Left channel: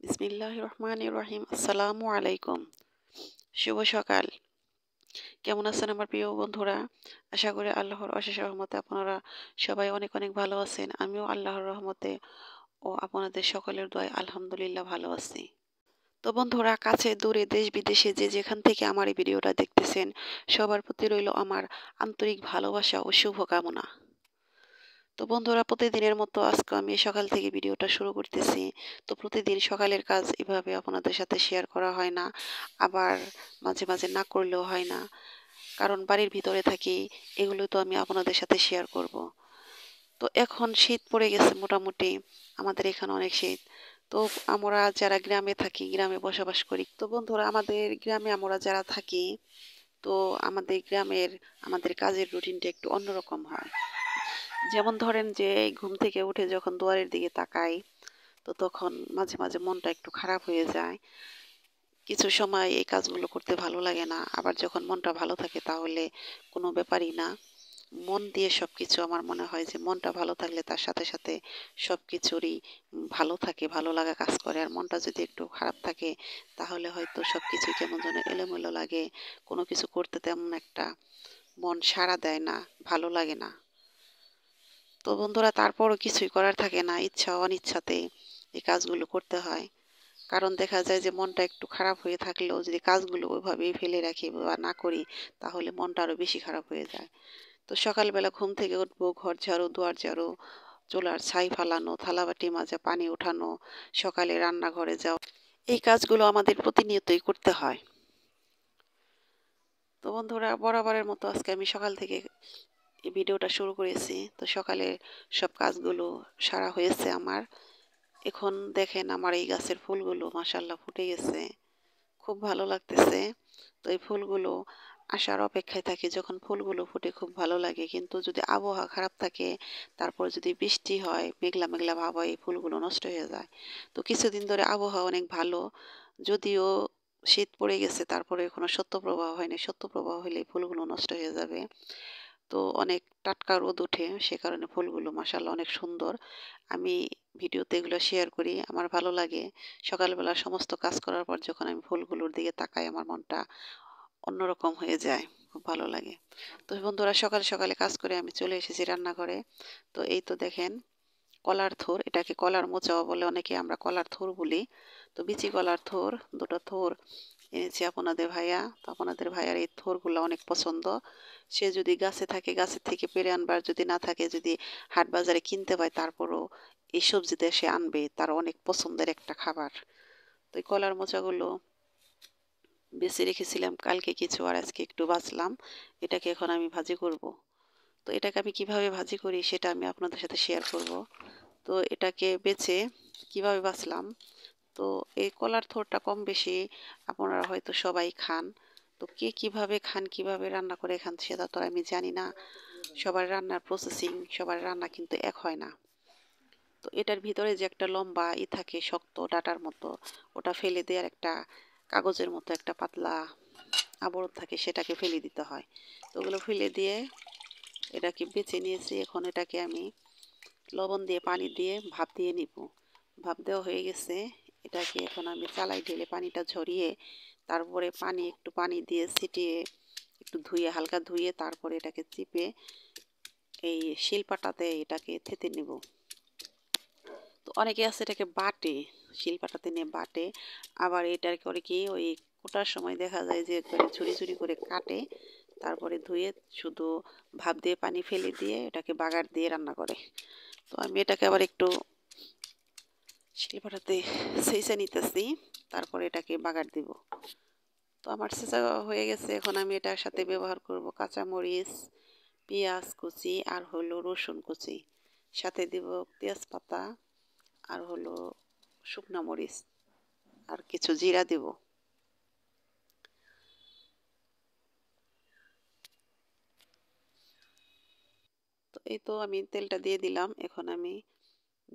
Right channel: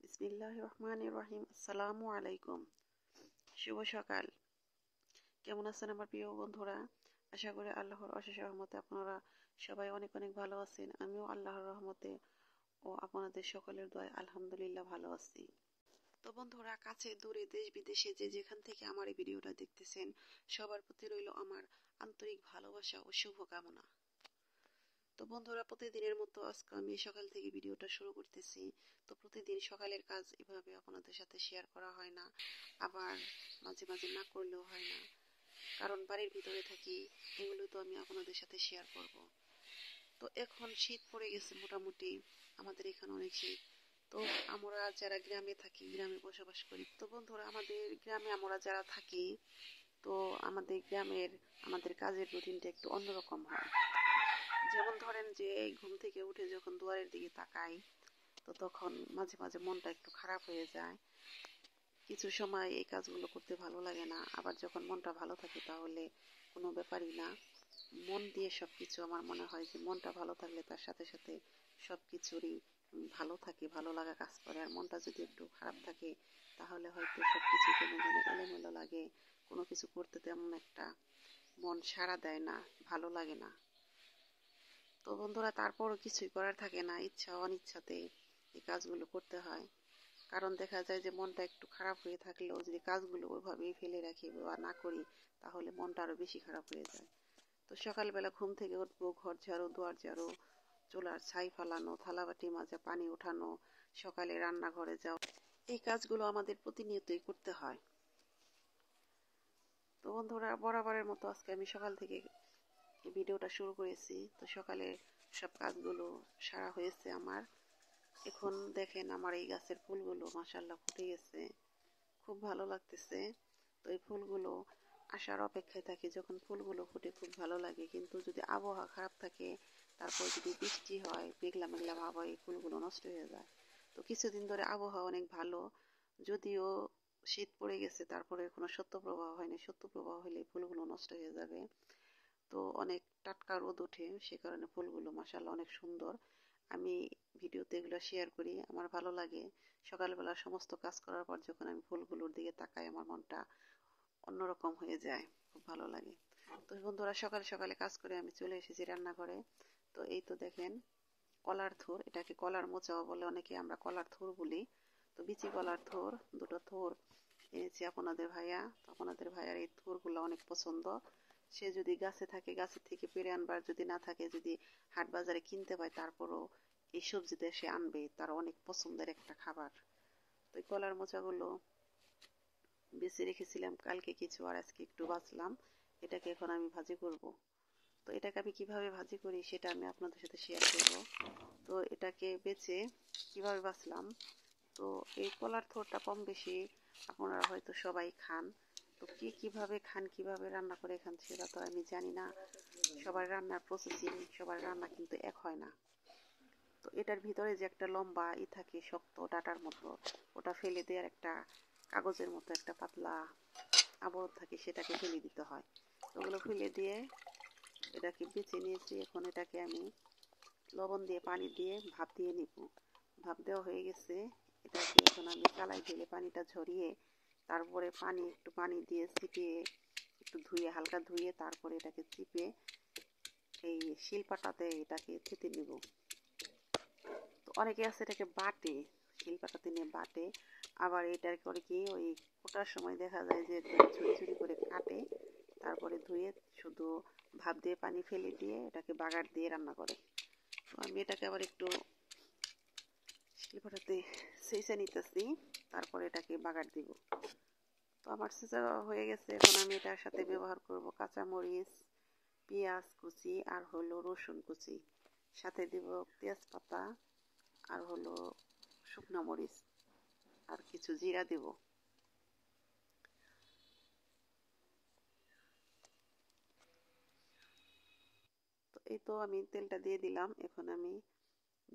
বিসমিল্লাহির রহমানির রহিম। আসসালামু আলাইকুম। শুভ সকাল। কেমন আছেন আমার প্রিয় বন্ধুরা? আশা করি আল্লাহর অশেষ রহমতে আপনারা সবাই অনেক অনেক ভালো আছেন। আমিও আল্লাহর রহমতে ও আপনাদের সকলের দোয়ায় আলহামদুলিল্লাহ ভালো আছি। তো বন্ধুরা, কাছে দূরে দেশ বিদেশে যে যেখান থেকে আমার এই ভিডিওটা দেখতেছেন, সবার প্রতি রইল আমার আন্তরিক ভালোবাসা ও শুভকামনা। তো বন্ধুরা, প্রতিদিনের মতো আজকে আমি সকাল থেকে ভিডিওটা শুরু করতেছি। তো প্রতিদিন সকালের কাজ এভাবে আপনাদের সাথে শেয়ার করা হয় না, আবার মাঝে মাঝে না করলেও হয় না, কারণ বাড়ির ভিতরে থাকি। এগুলো তো আমি আপনাদের সাথে শেয়ার করব। তো এখন শীত পড়ে গেছে মোটামুটি, আমাদের এখানে অনেক শীত। তো আমরা যারা গ্রামে থাকি, গ্রামে বসবাস করি, তো বন্ধুরা আমাদের গ্রামে আমরা যারা থাকি, তো আমাদের কাজের রুটিনটা একটু অন্যরকম হয়। যেমন ধরেন যে এই ঘুম থেকে উঠে যখন দুয়ারের দিকে তাকাই, তো তখন মাঝে মাঝে মনটা একটু খারাপ হয়ে যায়। কিছু সময় এই কাজগুলো করতে ভালো লাগে না, আবার যখন মনটা ভালো থাকে তাহলে কোনো ব্যাপারই না। মন দিয়ে সবকিছু, আমার মনে হয় যে মনটা ভালো থাকলে তার সাথে সাথে সবকিছুরই ভালো থাকে, ভালো লাগা কাজ করে। আর মনটা যদি একটু খারাপ থাকে তাহলে হয়তো সবকিছু কেমন যেন এলোমেলো লাগে, কোনো কিছু করতে তেমন একটা মন সাড়া দেয় না, ভালো লাগে না। তো বন্ধুরা, তারপরও কিছুই করার থাকে না, ইচ্ছা অনিচ্ছাতে এই কাজগুলো করতে হয়। কারণ দেখা যায় যে মনটা একটু খারাপ হয়ে থাকলেও যদি কাজগুলো ওইভাবেই ফেলে রাখি বা না করি, তাহলে মনটা আরো বেশি খারাপ হয়ে যায়। তো সকালবেলা ঘুম থেকে উঠবো, ঘর ঝাড়ু, দুয়ার ঝাড়ু, চুলার ছাই ফালানো, থালাবাটি মাজা, পানি ওঠানো, সকালে রান্নাঘরে যাওয়া, এই কাজগুলো আমাদের প্রতিনিয়তই করতে হয়। তো বন্ধুরা, বরাবরের মতো আজকে আমি সকাল থেকে এই ভিডিওটা শুরু করেছি। তো সকালে সব কাজগুলো সারা হয়েছে আমার। এখন দেখেন আমার এই গাছের ফুলগুলো মাশাআল্লাহ ফুটে গেছে, খুব ভালো লাগতেছে। তো এই ফুলগুলো আসার অপেক্ষায় থাকি, যখন ফুলগুলো ফুটে খুব ভালো লাগে। কিন্তু যদি আবহাওয়া খারাপ থাকে, তারপর যদি বৃষ্টি হয়, মেঘলা মেঘলা ভাব হয়, এই ফুলগুলো নষ্ট হয়ে যায়। তো কিছুদিন ধরে আবহাওয়া অনেক ভালো, যদিও শীত পড়ে গেছে, তারপরে কোনো শৈত্যপ্রবাহ হয়নি। শৈত্যপ্রবাহ হলে এই ফুলগুলো নষ্ট হয়ে যাবে। তো অনেক টাটকা রোদ ওঠে, সে কারণে ফুলগুলো মাশাআল্লাহ অনেক সুন্দর। আমি ভিডিওতে এগুলো শেয়ার করি, আমার ভালো লাগে। সকালবেলা সমস্ত কাজ করার পর যখন আমি ফুলগুলোর দিকে তাকাই, আমার মনটা অন্যরকম হয়ে যায়, খুব ভালো লাগে। তো বন্ধুরা, সকাল সকালে কাজ করে আমি চলে এসেছি রান্নাঘরে। তো এই তো দেখেন, কলার থোর, এটাকে কলার মোচাও বলে অনেকে, আমরা কলার থোর বলি। তো বিচি কলার থোর, দুটো থোর এনেছি আপনাদের ভাইয়া। তো আপনাদের ভাইয়ার এই থোরগুলো অনেক পছন্দ। সে যদি গাছে থাকে গাছের থেকে পেড়ে আনবার, যদি না থাকে, যদি হাট বাজারে কিনতে পায়, তারপরও এই সবজিতে সে আনবে, তার অনেক পছন্দের একটা খাবার। তো এই কলার মোচাগুলো বেছে রেখেছিলাম কালকে কিছু, আর আজকে একটু বাছলাম। এটাকে এখন আমি ভাজি করব। তো এটাকে আমি কিভাবে ভাজি করি সেটা আমি আপনাদের সাথে শেয়ার করব। তো এটাকে বেছে কিভাবে বাছলাম, তো এই কলার থোরটা কম বেশি আপনারা হয়তো সবাই খান। তো কে কিভাবে খান, কিভাবে রান্না করে খান, সেটা তো আমি জানি না। সবার রান্নার প্রসেসিং, সবার রান্না কিন্তু এক হয় না। তো এটার ভিতরে যে একটা লম্বা থাকে, শক্ত ডাটার মতো, ওটা ফেলে দেওয়ার একটা কাগজের মতো একটা পাতলা আবরণ থাকে, সেটাকে ফেলে দিতে হয়। তো ওগুলো ফেলে দিয়ে এটাকে বেছে নিয়েছি। এখন এটাকে আমি লবণ দিয়ে পানি দিয়ে ভাপ দিয়ে নিব। ভাপ দেওয়া হয়ে গেছে। এটাকে এখন আমি চালাই ঢেলে পানিটা ঝরিয়ে, তারপরে একটু পানি দিয়ে ছিটিয়ে, একটু ধুয়ে, হালকা ধুয়ে, তারপরে এটাকে চিপে এই শিলপাটাতে এটাকে থেতে নিব। তো অনেকে আছে এটাকে বাটে, শিলপাটাতে নিয়ে বাটে। আবার এটার করে কি, ওই কোটার সময় দেখা যায় যে একবারে ঝুরি ঝুরি করে কাটে, তারপরে ধুয়ে শুধু ভাপ দিয়ে পানি ফেলে দিয়ে এটাকে বাগার দিয়ে রান্না করে। তো আমি এটাকে আবার একটু শিলপাটাতে ছেঁচে নিতেছি, তারপরে এটাকে বাগার দিব। তো আমার ছেঁচা হয়ে গেছে। এখন আমি এটার সাথে ব্যবহার করব কাঁচামরিচ, পেঁয়াজ কুচি, আর হলো রসুন কুচি, সাথে দিব তেজপাতা, আর হলো শুকনা মরিচ, আর কিছু জিরা দিব। তো এই তো আমি তেলটা দিয়ে দিলাম। এখন আমি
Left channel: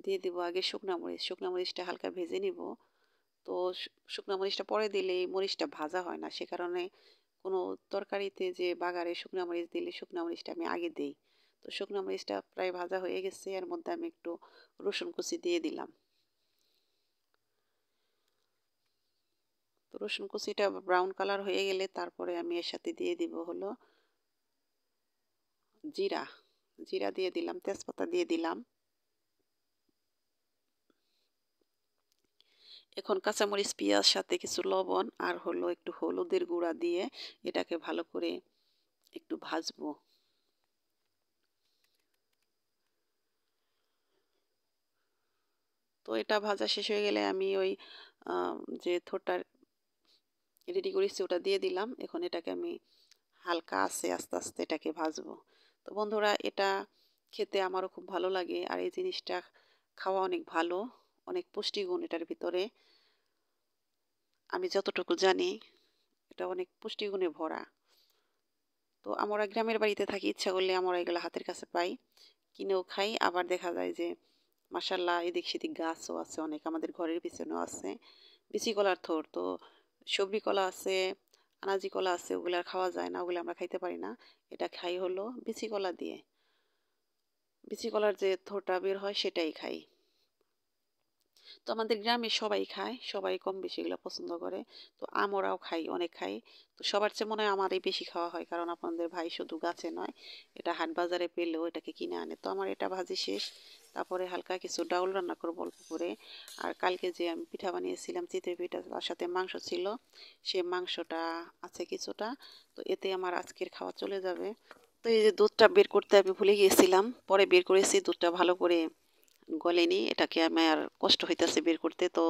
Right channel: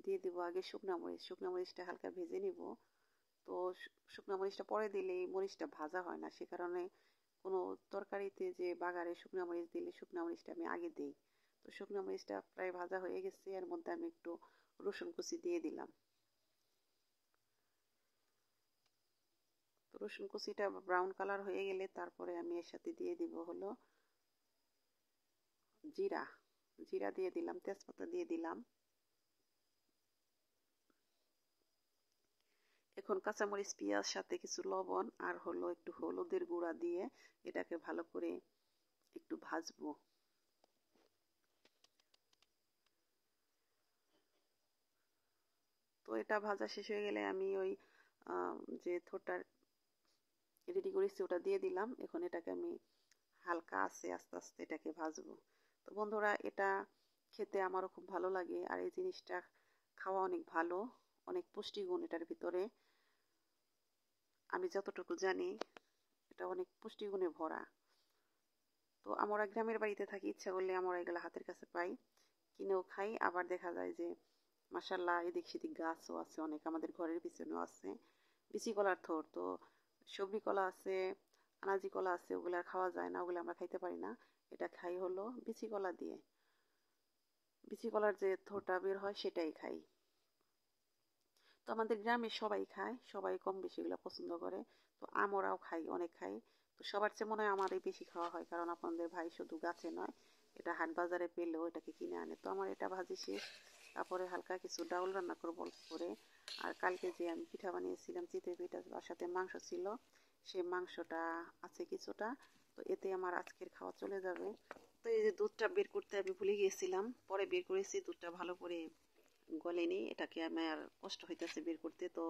দিয়ে দিব আগে শুকনা মরিচ। শুকনা মরিচটা হালকা ভেজে নিব। তো শুকনা মরিচটা পরে দিলে এই মরিচটা ভাজা হয় না, সে কারণে কোনো তরকারিতে যে বাগারে শুকনা মরিচ দিলে শুকনা মরিচটা আমি আগে দিই। তো শুকনা মরিচটা প্রায় ভাজা হয়ে গেছে, এর মধ্যে আমি একটু রসুন কুচি দিয়ে দিলাম। রসুন কুচিটা ব্রাউন কালার হয়ে গেলে তারপরে আমি এর সাথে দিয়ে দিব হলো জিরা। জিরা দিয়ে দিলাম, তেজপাতা দিয়ে দিলাম। এখন কাঁচামরিচ, পেঁয়াজ সাথে কিছু লবণ আর হলো একটু হলুদের গুঁড়া দিয়ে এটাকে ভালো করে একটু ভাজবো। তো এটা ভাজা শেষ হয়ে গেলে আমি ওই যে থোড়টা রেডি করেছি ওটা দিয়ে দিলাম। এখন এটাকে আমি হালকা আছে আস্তে আস্তে এটাকে ভাজবো। তো বন্ধুরা, এটা খেতে আমারও খুব ভালো লাগে, আর এই জিনিসটা খাওয়া অনেক ভালো, অনেক পুষ্টিগুণ এটার ভিতরে। আমি যতটুকু জানি এটা অনেক পুষ্টিগুণে ভরা। তো আমরা গ্রামের বাড়িতে থাকি, ইচ্ছা করলে আমরা এগুলো হাতের কাছে পাই, কিনেও খাই। আবার দেখা যায় যে মাসাল্লাহ এদিক সেদিক গাছও আছে অনেক, আমাদের ঘরের পিছনেও আছে বিচি কলার থোড়। তো সবরি কলা আছে, আনাজি কলা আছে, ওগুলো আর খাওয়া যায় না, ওগুলো আমরা খাইতে পারি না। এটা খাই হলো বিচি কলা দিয়ে, বিচি কলার যে থোড়টা বের হয় সেটাই খাই। তো আমাদের গ্রামে সবাই খায়, সবাই কম বেশি এগুলো পছন্দ করে। তো আমরাও খাই, অনেক খাই। তো সবার চেয়ে মনে হয় আমারই বেশি খাওয়া হয়, কারণ আপনাদের ভাই শুধু গাছে নয়, এটা হাট বাজারে পেলেও এটাকে কিনে আনে। তো আমার এটা ভাজি শেষ, তারপরে হালকা কিছু ডাউল রান্না করবো অল্প করে। আর কালকে যে আমি পিঠা বানিয়েছিলাম চিতই পিঠা, তার সাথে মাংস ছিল, সে মাংসটা আছে কিছুটা। তো এতে আমার আজকের খাওয়া চলে যাবে। তো এই যে দুধটা বের করতে আমি ভুলে গিয়েছিলাম, পরে বের করেছি। দুধটা ভালো করে গলেনি, এটাকে আমার কষ্ট হইতেছে বের করতে। তো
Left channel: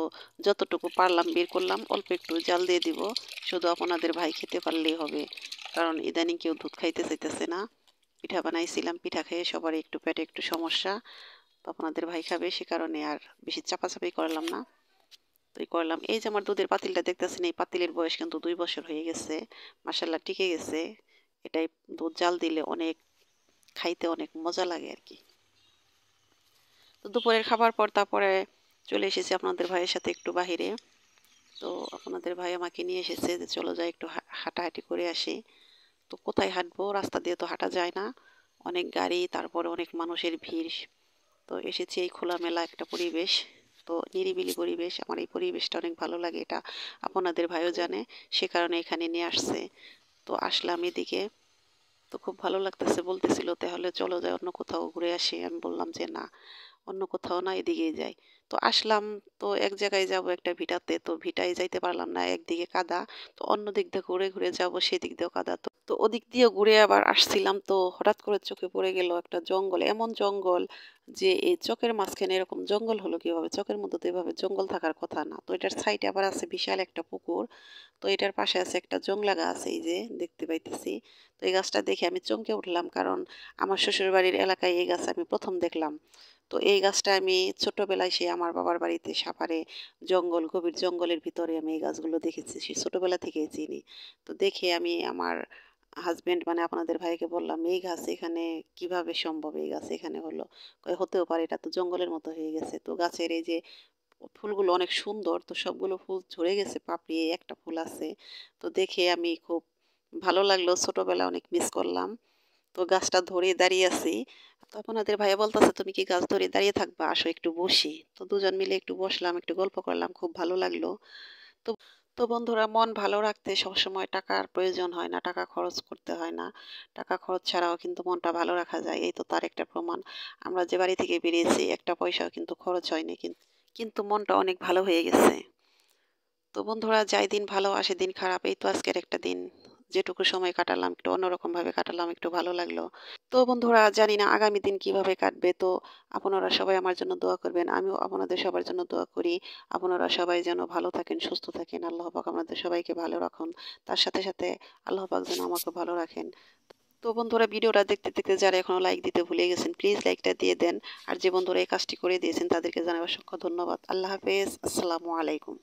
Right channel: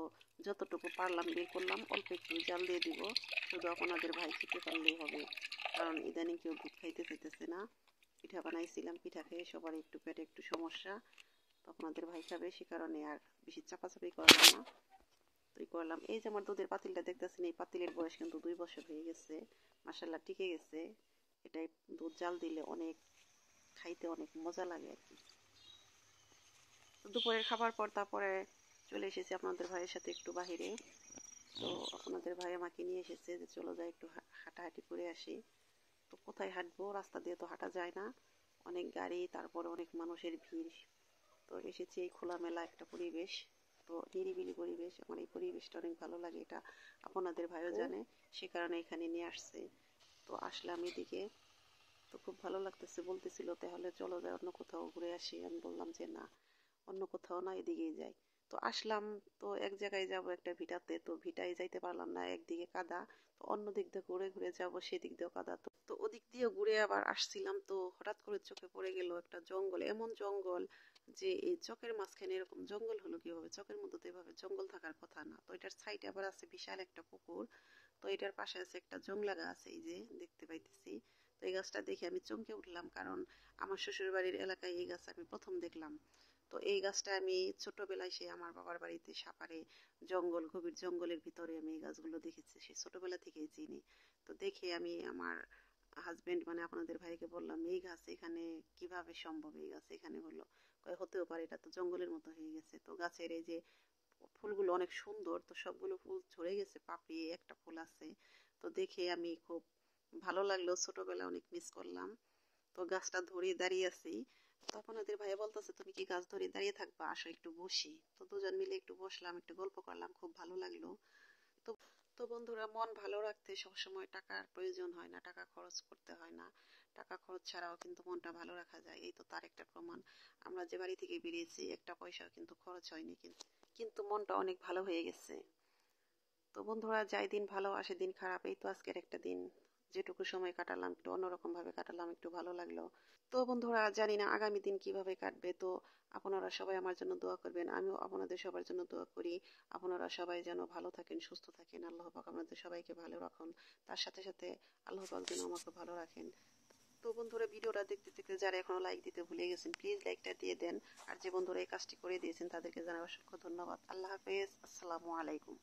যতটুকু পারলাম বের করলাম, অল্প একটু জাল দিয়ে দিব, শুধু আপনাদের ভাই খেতে পারলেই হবে, কারণ ইদানিং কেউ দুধ খাইতে চাইতেছে না। পিঠা বানাইছিলাম, পিঠা খেয়ে সবার একটু পেটে একটু সমস্যা, তো আপনাদের ভাই খাবে, সে কারণে আর বেশি চাপাচাপি করলাম না। তো এই করলাম। এই যে আমার দুধের পাতিলটা দেখতেছেন, এই পাতিলের বয়স কিন্তু 2 বছর হয়ে গেছে, মাসাল্লাহ টিকে গেছে। এটাই দুধ জাল দিলে অনেক খাইতে অনেক মজা লাগে আর কি। তো দুপুরের খাবার পর তারপরে চলে এসেছি আপনাদের ভাইয়ের সাথে একটু বাহিরে। তো আপনাদের ভাই আমাকে নিয়ে এসেছে যে চলো যাই একটু হাঁটাহাঁটি করে আসি। তো কোথায় হাঁটবো, রাস্তা দিয়ে তো হাঁটা যায় না, অনেক গাড়ি, তারপরে অনেক মানুষের ভিড়। তো এসেছি এই খোলামেলা একটা পরিবেশ, তো নিরিবিলি পরিবেশ, আমার এই পরিবেশটা অনেক ভালো লাগে, এটা আপনাদের ভাইও জানে, সে কারণে এখানে নিয়ে আসছে। তো আসলাম এদিকে, তো খুব ভালো লাগতেছে, বলতেছিল তাহলে চলো যাই অন্য কোথাও ঘুরে আসি। আমি বললাম যে না, অন্য কোথাও না, এদিকেই যাই। তো আসলাম, তো এক জায়গায় যাব একটা ভিটাতে, তো ভিটায় যাইতে পারলাম না, একদিকে কাদা। তো অন্য দিক দিয়ে ঘুরে ঘুরে যাব, সেদিক দিয়েও কাদা। তো তো ওদিক দিয়ে ঘুরে আবার আসছিলাম, তো হঠাৎ করে চোখে পড়ে গেল একটা জঙ্গল, এমন জঙ্গল যে এই চকের মাঝখানে এরকম জঙ্গল হলো কিভাবে, চকের মধ্যে তো এভাবে জঙ্গল থাকার কথা না। তো এটার সাইডে আবার আছে বিশাল একটা পুকুর। তো এটার পাশে আছে একটা জংলা গাছ, এই যে দেখতে পাইতেছি। তো এই গাছটা দেখে আমি চমকে উঠলাম, কারণ আমার শ্বশুর বাড়ির এলাকায় এই গাছ আমি প্রথম দেখলাম। তো এই গাছটা আমি ছোটবেলায় সে আমার বাবার বাড়িতে সাভারে জঙ্গল, গভীর জঙ্গলের ভিতরে আমি এই গাছগুলো দেখেছি, সে ছোটবেলা থেকেই চিনি। তো দেখে আমি আমার হাজবেন্ড মানে আপনাদের ভাইকে বললাম এই গাছ এখানে কিভাবে সম্ভব, এই গাছ এখানে হলো। কয় হতেও পারে, এটা তো জঙ্গলের মতো হয়ে গেছে। তো গাছের এই যে ফুলগুলো অনেক সুন্দর, তো সবগুলো ফুল ঝরে গেছে, পাপড়ি এই একটা ফুল আছে। তো দেখে আমি খুব ভালো লাগলো, ছোটবেলা অনেক মিস করলাম। তো গাছটা ধরে দাঁড়িয়ে আছি। তো আপনাদের ভাইয়া বলতেছে তুমি কি গাছ ধরে দাঁড়িয়ে থাকবা, আসো একটু বসি। তো দুজন মিলে একটু বসলাম, একটু গল্প করলাম, খুব ভালো লাগলো। তো তো বন্ধুরা, মন ভালো রাখতে সবসময় টাকার প্রয়োজন হয় না, টাকা খরচ করতে হয় না। টাকা খরচ ছাড়াও কিন্তু মনটা ভালো রাখা যায়, এই তো তার একটা প্রমাণ। আমরা যে বাড়ি থেকে বেরিয়েছি একটা পয়সাও কিন্তু খরচ হয়নি, কিন্তু কিন্তু মনটা অনেক ভালো হয়ে গেছে। তো বন্ধুরা, যাই দিন ভালো আসে দিন খারাপ, এই তো আজকের একটা দিন, যেটুকু সময় কাটালাম একটু অন্যরকম ভাবে কাটালাম, একটু ভালো লাগলো। তো বন্ধুরা, জানি না আগামী দিন কিভাবে কাটবে। তো আপনারা সবাই আমার জন্য দোয়া করবেন, আমিও আপনাদের সবার জন্য দোয়া করি। আপনারা সবাই যেন ভালো থাকেন, সুস্থ থাকেন, আল্লাহ পাক আপনাদের সবাইকে ভালো রাখুন, তার সাথে সাথে আল্লাহ পাক যেন আমাকে ভালো রাখেন। তো বন্ধুরা, ভিডিওটা দেখতে দেখতে যারা এখনো লাইক দিতে ভুলে গেছেন, প্লিজ লাইকটা দিয়ে দেন। আর যে বন্ধুরা এই কাজটি করে দিয়েছেন তাদেরকে জানাই অসংখ্য ধন্যবাদ। আল্লাহ হাফেজ, আসসালামু আলাইকুম।